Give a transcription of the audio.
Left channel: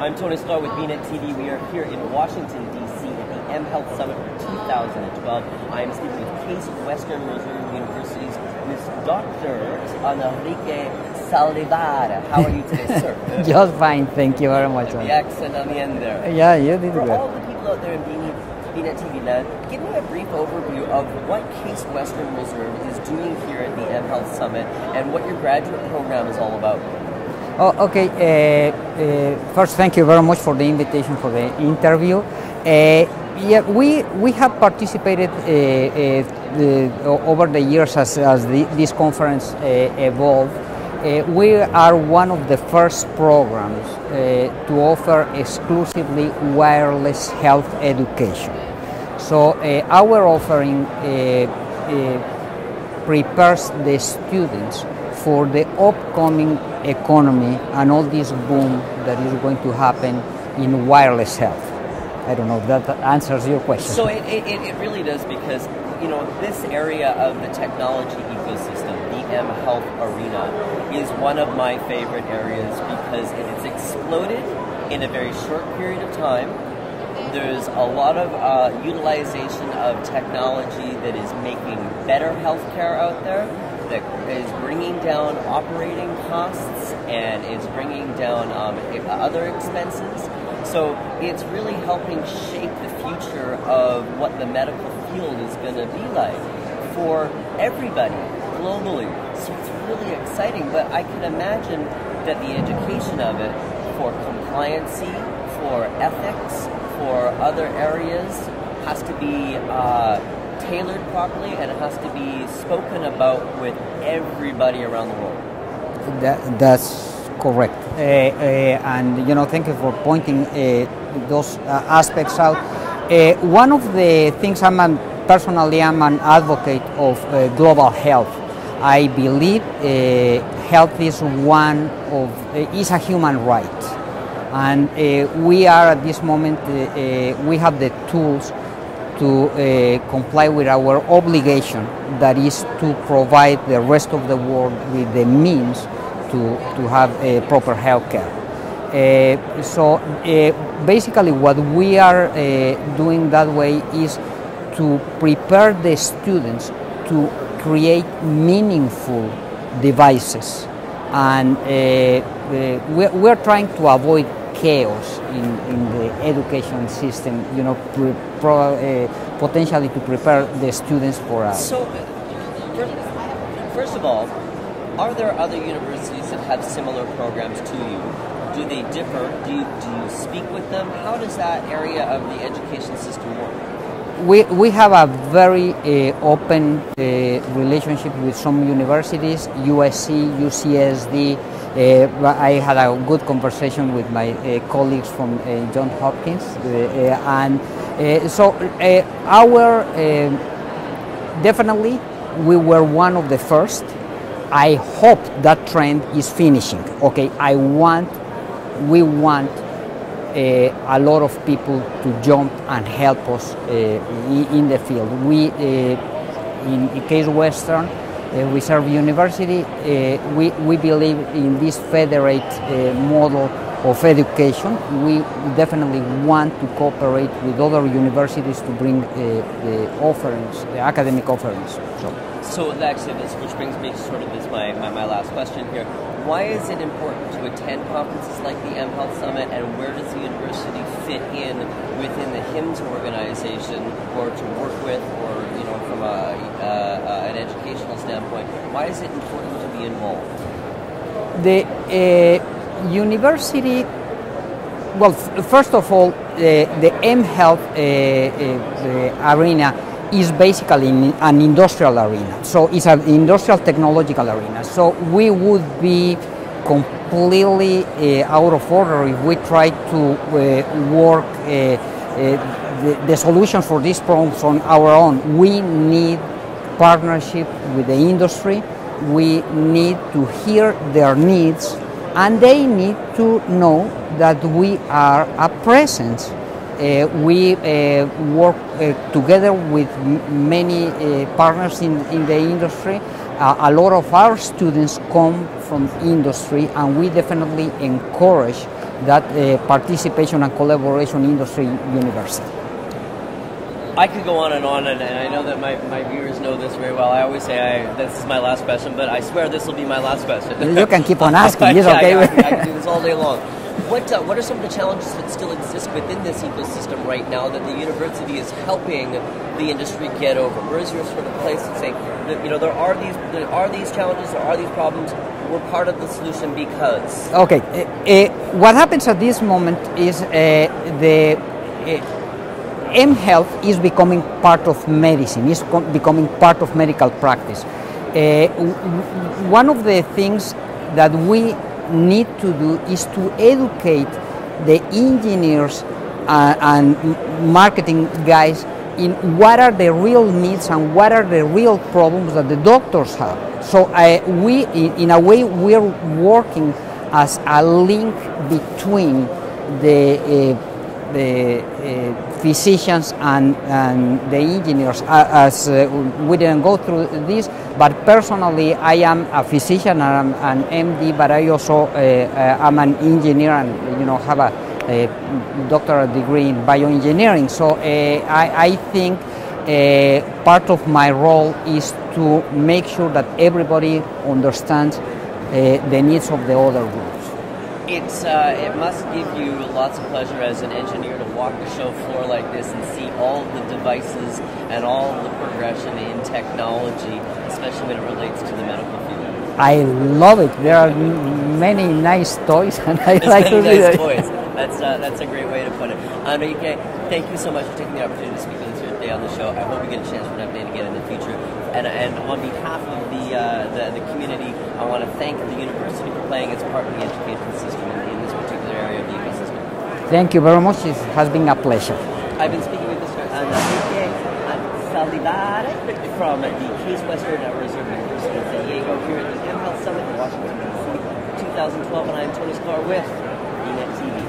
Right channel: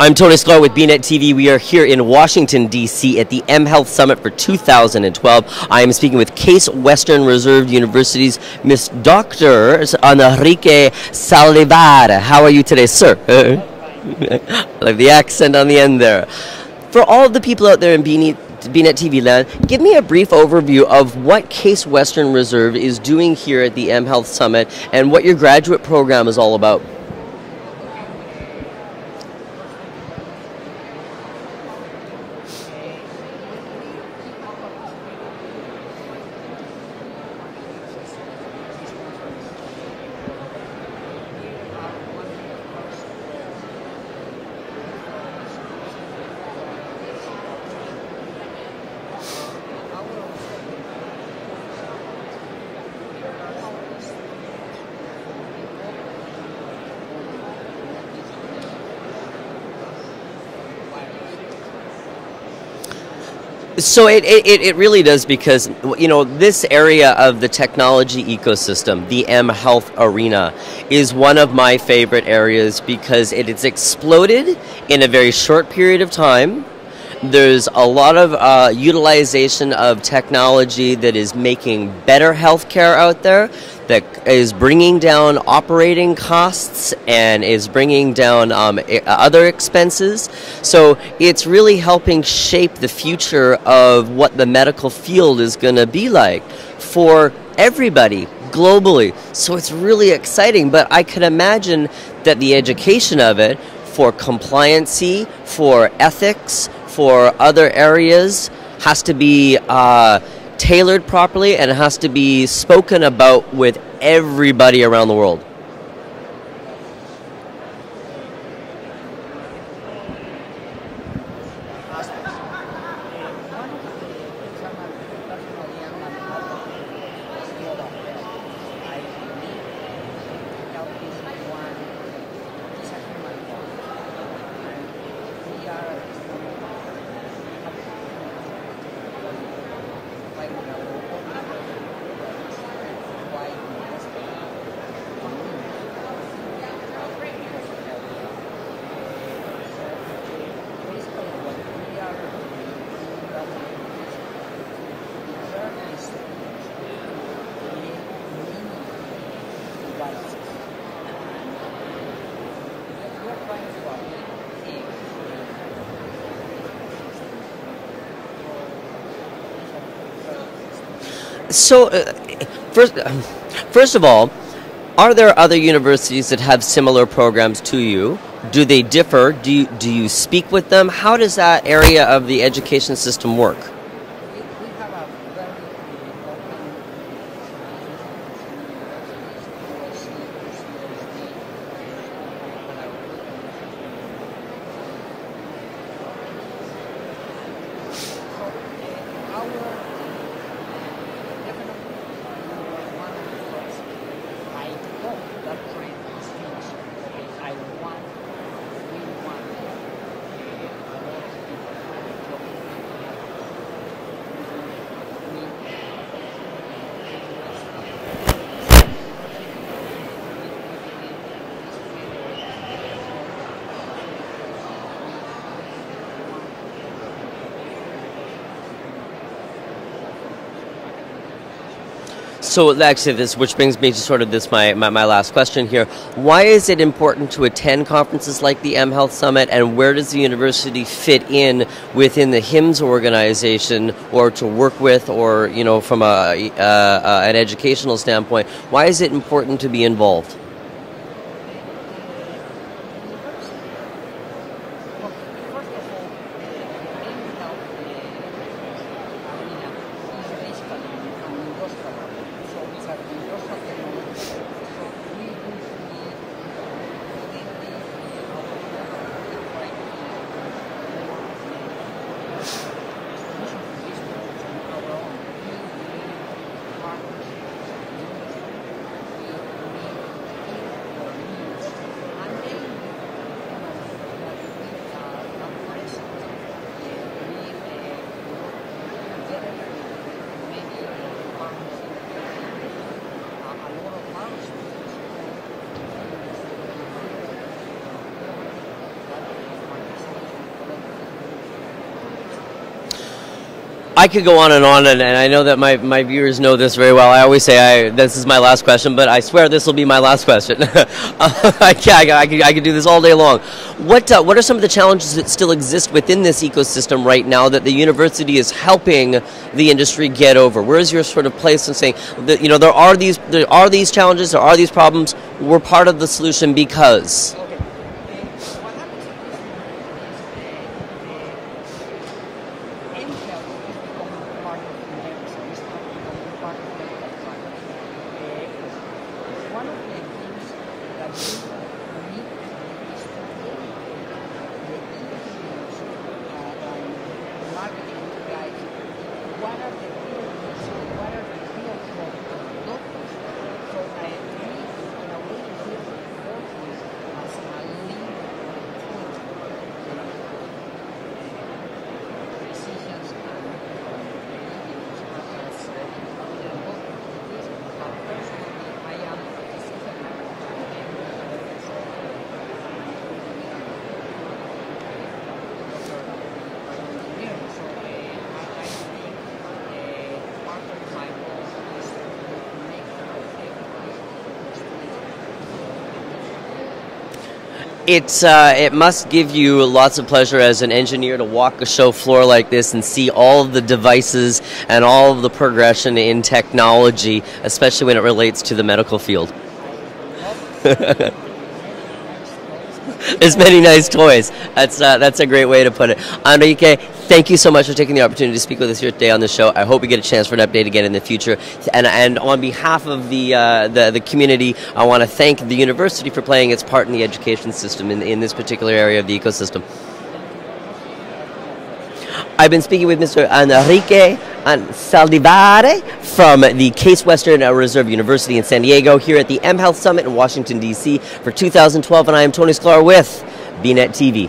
I'm Tony Sklar with bnetTV. We are here in Washington DC at the mHealth Summit for 2012. I am speaking with Case Western Reserve University's Miss Dr. Enrique Saldivar. How are you today, sir? Just fine, thank you very much. I like the accent on the end there. Yeah, you did. For all of the people out there in bnetTV land, give me a brief overview of what Case Western Reserve is doing here at the mHealth Summit and what your graduate program is all about. Oh, okay. First, thank you very much for the invitation for the interview. Yeah, we have participated over the years as this conference evolved. We are one of the first programs to offer exclusively wireless health education. So our offering prepares the students for the upcoming economy and all this boom that is going to happen in wireless health. I don't know if that answers your question. So it really does, because this area of the technology ecosystem, the mHealth arena, is one of my favorite areas because it's exploded in a very short period of time. There's a lot of utilization of technology that is making better healthcare out there, that is bringing down operating costs and is bringing down other expenses. So it's really helping shape the future of what the medical field is going to be like for everybody globally. So it's really exciting, but I can imagine that the education of it for compliancy, for ethics, for other areas has to be tailored properly and has to be spoken about with everybody around the world. That's correct. And thank you for pointing those aspects out. One of the things personally I'm an advocate of global health. I believe health is is a human right. And we are at this moment, we have the tools to comply with our obligation, that is to provide the rest of the world with the means to have proper health care. So basically what we are doing that way is to prepare the students to create meaningful devices. And we're trying to avoid chaos in the education system, potentially to prepare the students for us. So, first of all, are there other universities that have similar programs to you? Do they differ? Do you speak with them? How does that area of the education system work? We have a very open relationship with some universities, USC, UCSD. I had a good conversation with my colleagues from Johns Hopkins, definitely we were one of the first. I hope that trend is finishing. Okay, we want a lot of people to jump and help us in the field. We, in Case Western Reserve University, we believe in this federate model of education. We definitely want to cooperate with other universities to bring the offerings, the academic offerings. So actually, which brings me to sort of my last question here. Why is it important to attend conferences like the mHealth Summit, and where does the university fit in within the HIMSS organization, or to work with, or from an educational standpoint? Why is it important to be involved? The university, well, first of all, the mHealth arena is basically an industrial arena. So it's an industrial technological arena. So we would be completely out of order if we try to work the solution for these problems on our own. We need partnership with the industry. We need to hear their needs, and they need to know that we are a presence. We work together with many partners in the industry. A lot of our students come from industry, and we definitely encourage that participation and collaboration industry university. I could go on, and I know that my viewers know this very well. I always say this is my last question, but I swear this will be my last question. You can keep on asking. I can do this all day long. What are some of the challenges that still exist within this ecosystem right now that the university is helping the industry get over? Where is your sort of place in saying that, you know, there are these challenges, there are these problems, we're part of the solution because? Okay, what happens at this moment is mHealth is becoming part of medicine, is becoming part of medical practice. One of the things that we need to do is to educate the engineers and marketing guys in what are the real needs and what are the real problems that the doctors have. So we, in a way, we're working as a link between the physicians and the engineers. We didn't go through this, but personally I am a physician, I'm an MD, but I also am an engineer and, you know, have a doctoral degree in bioengineering. So I think part of my role is to make sure that everybody understands the needs of the other groups. It must give you lots of pleasure as an engineer to walk a show floor like this and see all of the devices and all of the progression in technology, especially when it relates to the medical field. I love it. There are many nice toys. There's many nice toys. That's a great way to put it. Enrique, thank you so much for taking the opportunity to speak with us here today on the show. I hope we get a chance for an update again in the future. And on behalf of the community, I want to thank the university for playing its part in the education system in this particular area of the ecosystem. Thank you very much. It has been a pleasure. I've been speaking with Mr. Enrique Saldivar from the Case Western Reserve University in San Diego here at the mHealth Summit in Washington, DC for 2012, and I am Tony Sklar with bnetTV.